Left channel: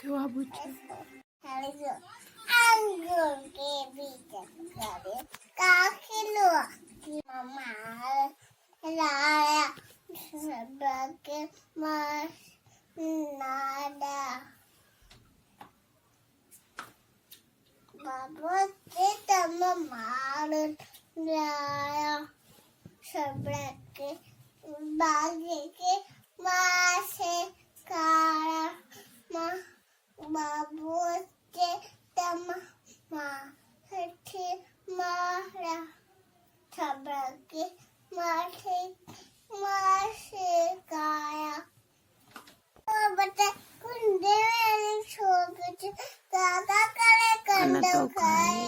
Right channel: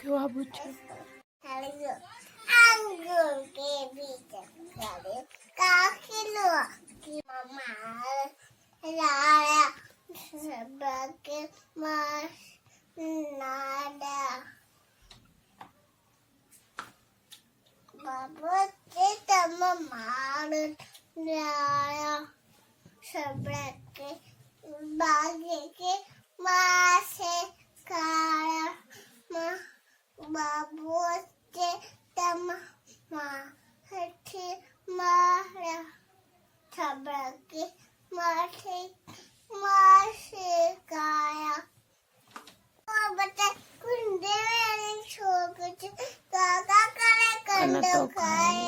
क्यों पूछो अंगूर के बीच काखिलो मामा लाया सबके मार नादा बाबू के तम मार लाया सबके बागे के मार से खाया बाबू के तम मार मारा सबके माथे मार से खाया बता कुंडे में छोड़ दादा करे कंडो खाए